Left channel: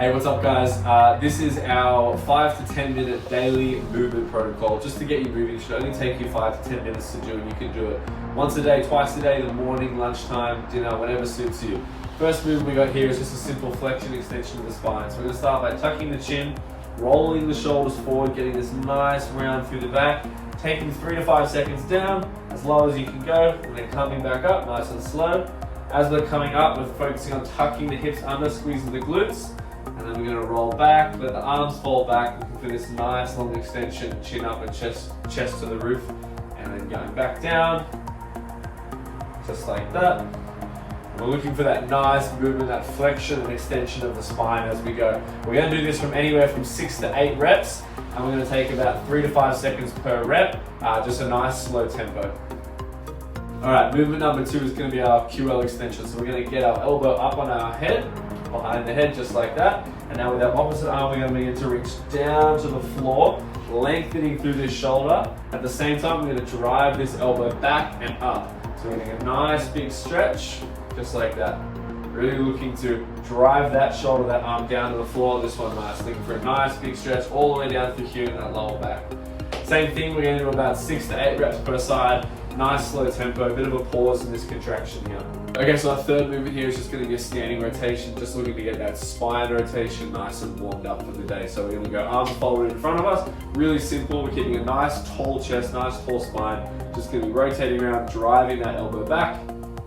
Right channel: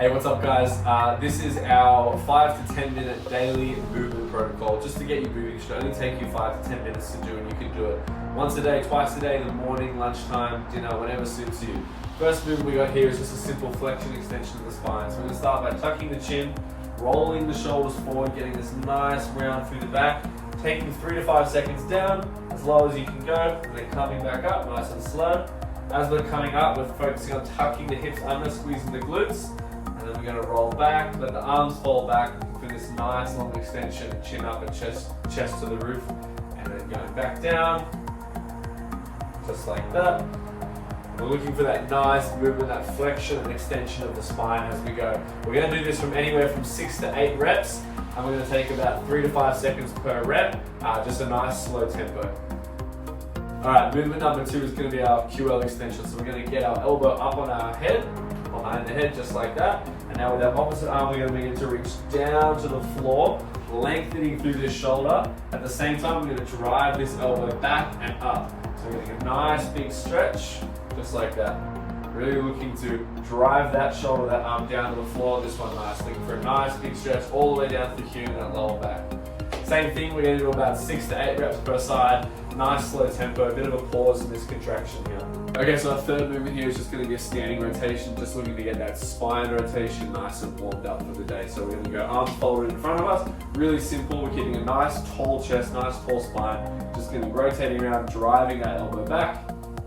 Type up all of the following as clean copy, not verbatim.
Hey, what's up guys? This is our 5 to 10 minute daily movement protocol just to get you moving. It should only take you 5 to 10 minutes to do, and you can do it once a day, twice a day, in the morning, lunchtime, dinner, whatever suits you. First movement we got here is just a simple flexion extension of the spine. So we're going to start by tucking the chin, rolling the shoulders forward, getting this nice round through the back, taking 3 to 5 seconds down, as low as you can go, and then coming back up nice and slow. As we're coming up, we're focusing on tucking the hips under, squeezing the glutes. And then we're going to roll back, let the arms fall back, looking for this nice long extension, chin up and chest to the roof. And then going back down, just like that. We're looking for that nice movement, that flexion and extension of the spine as we go. We're going to do this from anywhere from 6 to 8 reps, and we're going to take about 3 to 5 seconds per rep, just a nice slow tempo. All right, movement number 2 is going to be our QL extension. So we're going to get our elbow up on our head, behind the head, just like that. And now with our opposite arm, we're going to begin to reach down to the floor, lengthening through this shoulder. At the same time, we're going to drive this elbow back and up. So we're getting a nice big stretch, just like that. Really looking to drive that shoulder, that arm down to the floor. This one nice, looking for a nice big stretch all the way down through here in that lower back. Same thing, we're going to do about 6 to 8 reps per side. Nice slow tempo, a bit of a pause in this contraction here. Okay, so our third movement here is just going to be a standing rotation, just looking to get that spine rotation nice and warmed up for the day. So we're going to go arms folded in front of us, really simple. We're getting a nice tall chest, nice tall spine. Just going to be rotating around, driving that elbow back,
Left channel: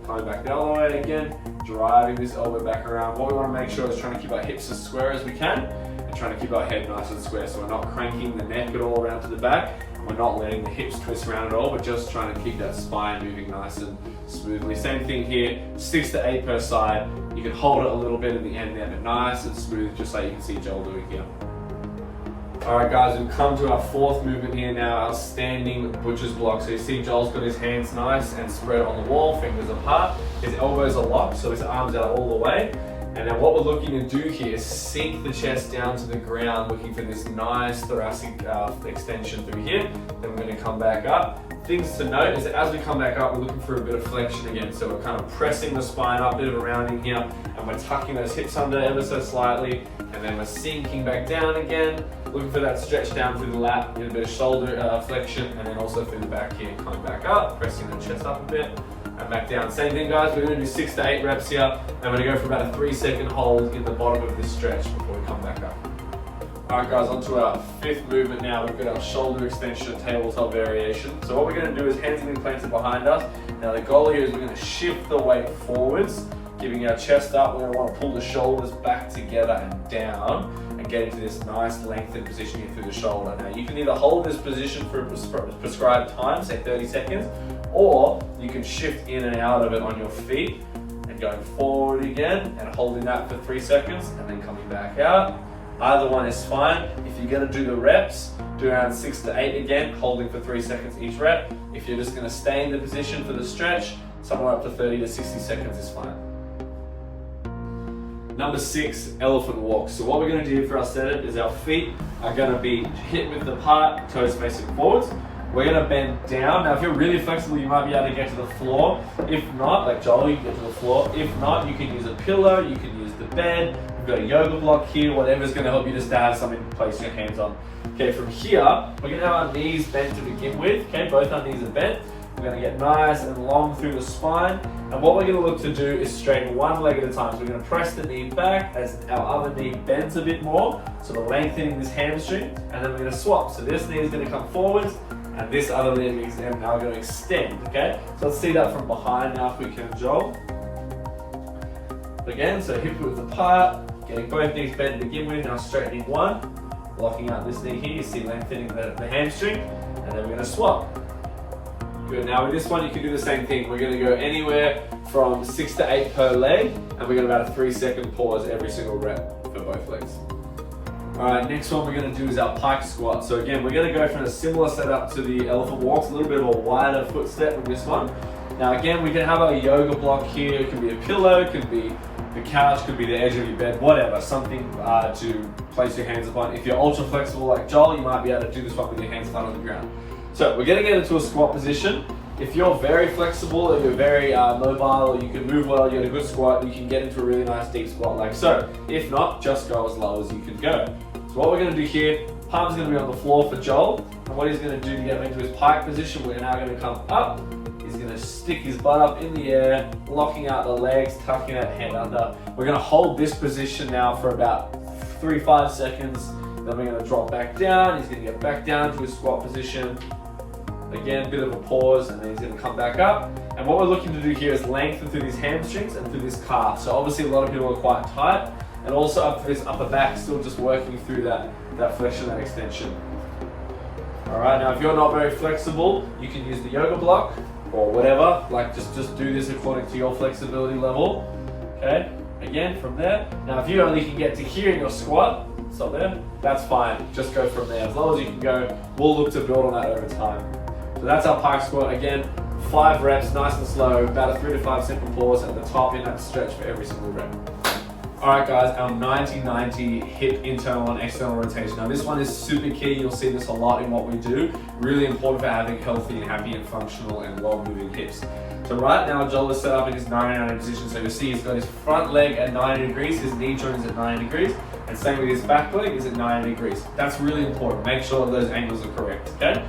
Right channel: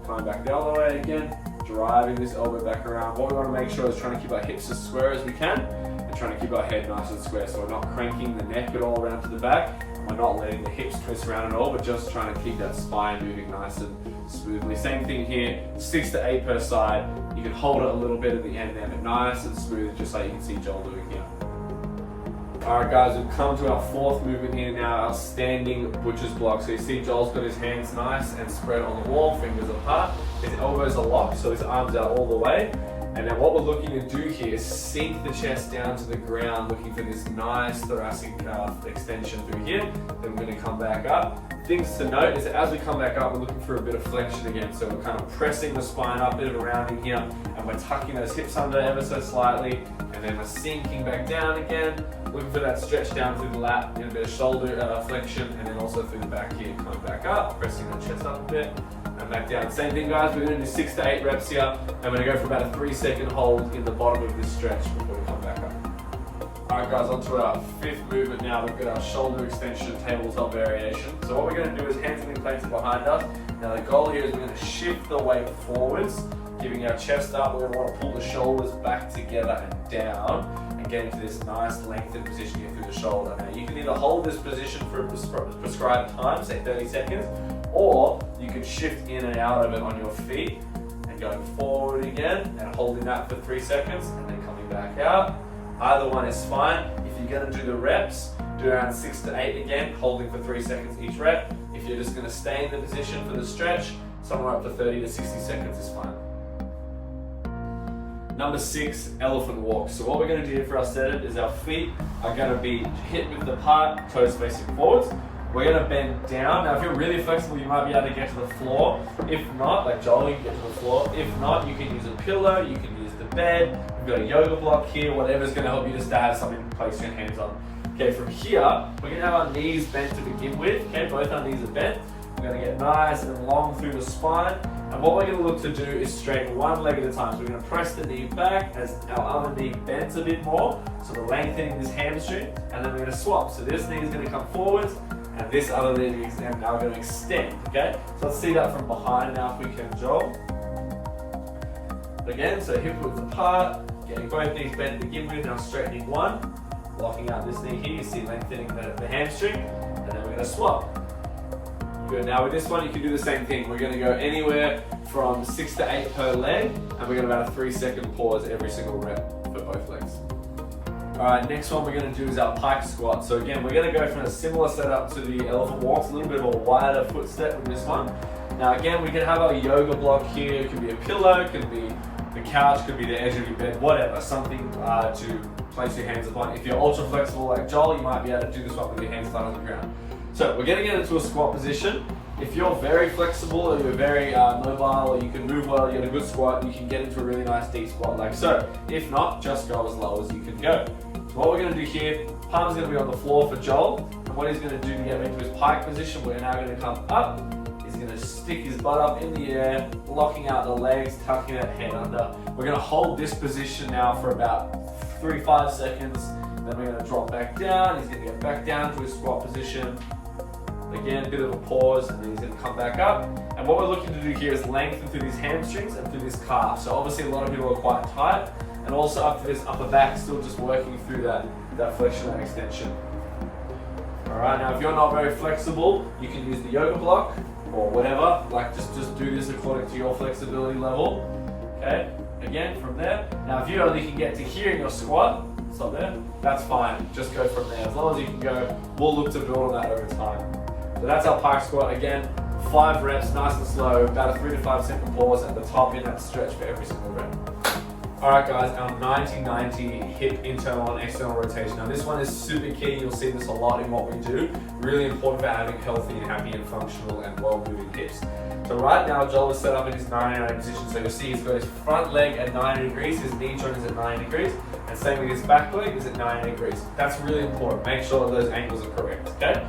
coming back the other way again, driving this elbow back around. What we want to make sure is trying to keep our hips as square as we can, and trying to keep our head nice and square, so we're not cranking the neck at all around to the back. We're not letting the hips twist around at all, but just trying to keep that spine moving nice and smoothly. Same thing here, 6 to 8 per side. You can hold it a little bit at the end there, but nice and smooth, just like you can see Joel doing here. All right guys, we've come to our fourth movement here now, our standing butcher's block. So you see Joel's got his hands nice and spread on the wall, fingers apart. His elbows are locked, so his arms out all the way. And then what we're looking to do here is sink the chest down to the ground, looking for this nice thoracic extension through here. Then we're going to come back up. Things to note is that as we come back up, we're looking for a bit of flexion again. So we're kind of pressing the spine up, a bit of a rounding here, and we're tucking those hips under ever so slightly. And then we're sinking back down again, looking for that stretch down through the lat, get a bit of shoulder flexion, and then also through the back here, coming back up, pressing the chest up a bit. And back down. Same thing guys, we're going to do 6 to 8 reps here, and we're going to go for about a 3-second hold in the bottom of this stretch before we come back up. Alright guys, on to our 5th movement now. We've got our shoulder extension tabletop variation. So what we're going to do is hands are planted behind us. Now the goal here is we're going to shift the weight forwards, giving our chest up. We're going to want to pull the shoulders back together and down, and get into this nice lengthened position here through the shoulder. Now you can either hold this position for a prescribed time, say 30 seconds, or you can shift in and out of it on your feet and going forward again and holding that for 3 seconds and then coming back out. Either one is fine. If you're going to do the reps, do around 6 to 8 again, holding for 3 seconds each rep. If you're just going to stay in the position for the stretch, somewhere up to 30 to 60 seconds is fine. Number 6, elephant walk. So what we're going to do for our setup is our feet are going to be hip width apart, toes facing forwards. We're going to bend down. Now if you're really flexible, you might be able to get to the floor. If not, like Joel, you can get to the floor. If not, you can use a pillow, you can use the bed. We've got a yoga block here, whatever's going to help you just to have something to place your hands on. Okay, from here, we're going to have our knees bent to begin with. Okay, both our knees are bent. We're going to get nice and long through the spine. And what we're going to look to do is straighten one leg at a time. So we're going to press the knee back as our other knee bends a bit more. So we're lengthening this hamstring, and then we're going to swap. So this knee is going to come forwards, and this other leg is now going to extend, okay? So let's see that from behind now if we can, Joel. Again, so hip width apart, getting both knees bent to begin with, now straightening one, locking out this knee here, you see lengthening the hamstring, and then we're going to swap. Good, now with this one you can do the same thing. We're going to go anywhere from 6 to 8 per leg, and we're going to about a 3-second pause every single rep for both legs. Alright, next one we're going to do is our Pike Squat. So again, we're going to go from a similar setup to the elephant walks, a little bit of a wider foot step with this one. Now again, we can have our yoga block here. It can be a pillow, it can be the couch, could be the edge of your bed, whatever, something to place your hands upon. If you're ultra flexible like Joel, you might be able to do this one with your hands flat on the ground. So we're going to get into a squat position. if you're very flexible or you're very mobile or you can move well, you got a good squat, you can get into a really nice deep squat like so. If not, just go as low as you can go. So what we're going to do here, palms going to be on the floor for Joel, and what he's going to do to get into his pike position, we're now going to come up. He's going to stick his butt up in the air, locking out the legs, tucking that head under. We're going to hold this position now for about 3-5 seconds. Then we're going to drop back down. He's going to get back down to his squat position. Again, a bit of a pause, and then he's going to come back up. And what we're looking to do here is lengthen through these hamstrings and through this calf. So obviously a lot of people are quite tight, and also up to this upper back, still just working through that flexion and extension. All right, now if you're not very flexible, you can use the yoga block or whatever. Like just do this according to your flexibility level. Okay, again from there. Now if you only can get to here in your squat, stop there, that's fine. Just go from there. As long as you can go, we'll look to build on that over time. So that's our pike squat. Again, 5 reps, nice and slow, about a 3 to 5 second pause at the top in that stretch for every single rep. All right guys, our 90-90 hip internal and external rotation. Now this one is super key. You'll see this a lot in what we do. Really important for having healthy and happy and functional and well-moving hips. So right now, Joel is set up in his 90-90 position. So you'll see he's got his front leg at 90 degrees, his knee joint is at 90 degrees, and same with his back leg is at 90 degrees. That's really important. Make sure that those angles are correct, okay?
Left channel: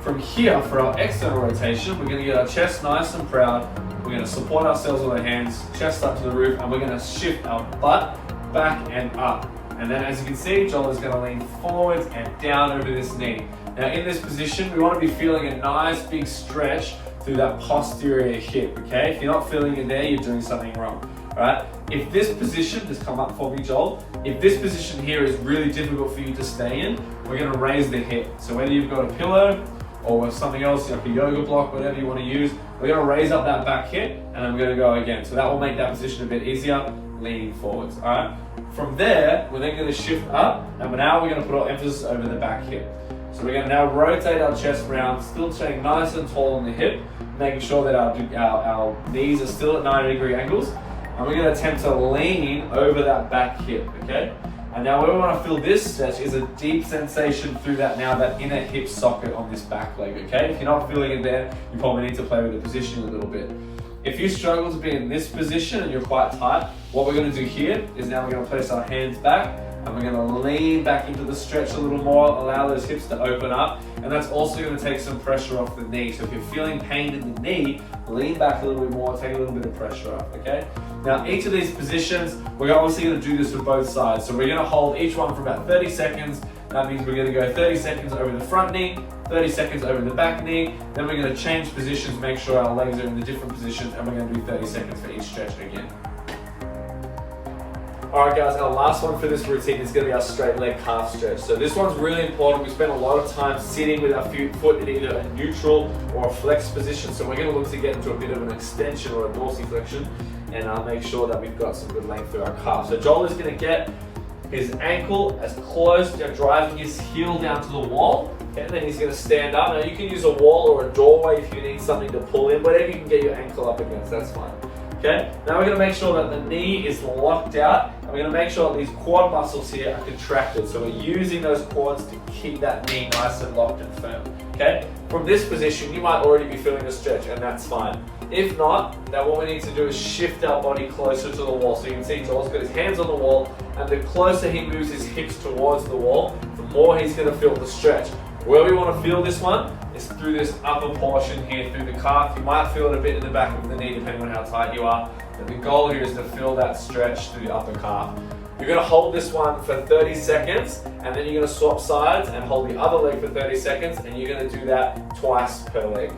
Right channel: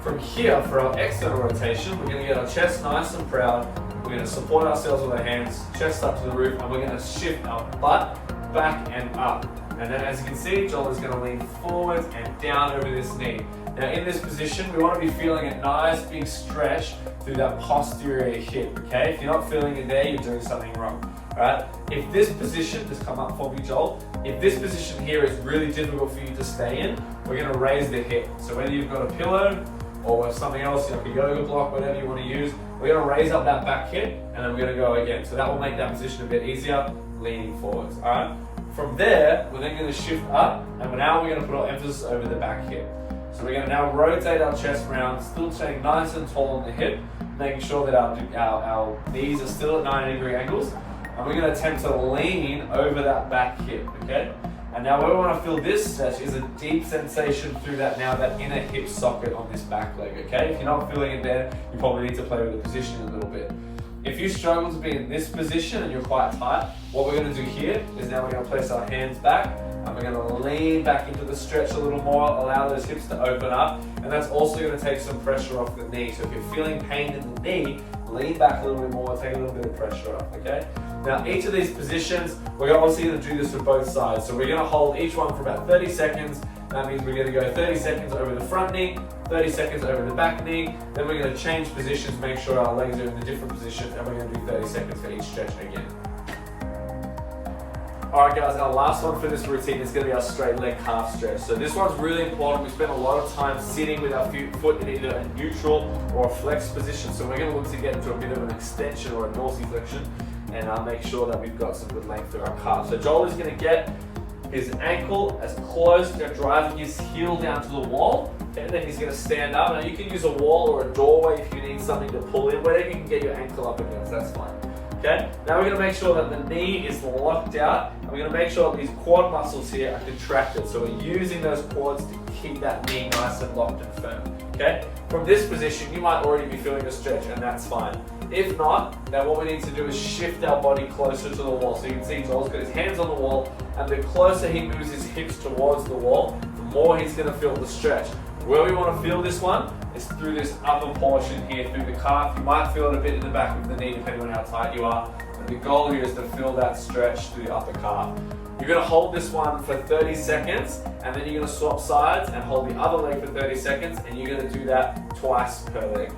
From here, for our external rotation, we're gonna get our chest nice and proud. We're gonna support ourselves with our hands, chest up to the roof, and we're gonna shift our butt back and up. And then as you can see, Joel is gonna lean forwards and down over this knee. Now in this position, we wanna be feeling a nice big stretch through that posterior hip, okay? If you're not feeling it there, you're doing something wrong, all right? If this position, just come up for me, Joel. If this position here is really difficult for you to stay in, we're gonna raise the hip. So whether you've got a pillow or something else, like a yoga block, whatever you wanna use, we're gonna raise up that back hip and then we're gonna go again. So that will make that position a bit easier, leaning forwards, all right? From there, we're then gonna shift up, and now we're gonna put our emphasis over the back hip. So we're gonna now rotate our chest round, still staying nice and tall on the hip, making sure that our knees are still at 90-degree angles, and we're gonna attempt to lean over that back hip, okay? And now where we wanna feel this stretch is a deep sensation through that inner hip socket on this back leg, okay? If you're not feeling it there, you probably need to play with the position a little bit. If you struggle to be in this position and you're quite tight, what we're gonna do here is now we're gonna place our hands back and we're gonna lean back into the stretch a little more, allow those hips to open up, and that's also gonna take some pressure off the knee. So if you're feeling pain in the knee, lean back a little bit more, take a little bit of pressure off, okay? Now each of these positions, we're obviously gonna do this with both sides. So we're gonna hold each one for about 30 seconds. That means we're gonna go 30 seconds over the front knee, 30 seconds over the back knee, then we're gonna change positions, make sure our legs are in the different positions, and we're gonna do 30 seconds for each stretch again. All right guys, our last one for this routine is gonna be our straight leg calf stretch. So this one's really important. We spend a lot of time sitting with our foot in either a neutral or a flex position. So we're gonna look to get into a bit of an extension or a dorsiflexion, and make sure that we've got some good length through our calf. So Joel is gonna get his ankle as close to driving his heel down to the wall, and then he's gonna stand up. Now you can use a wall or a doorway if you need something to pull in, whatever you can get your ankle up against, that's fine. Okay, now we're gonna make sure that the knee is locked out, and we're gonna make sure that these quad muscles here are contracted. So we're using those quads to keep that knee nice and locked and firm, okay? From this position, you might already be feeling a stretch, and that's fine. If not, then what we need to do is shift our body closer to the wall. So you can see Joel's got his hands on the wall, and the closer he moves his hips towards the wall, the more he's gonna feel the stretch. Where we wanna feel this one is through this upper portion here, through the calf. You might feel it a bit in the back of the knee, depending on how tight you are. But the goal here is to feel that stretch through the upper calf. You're gonna hold this one for 30 seconds, and then you're gonna swap sides and hold the other leg for 30 seconds, and you're gonna do that twice per leg.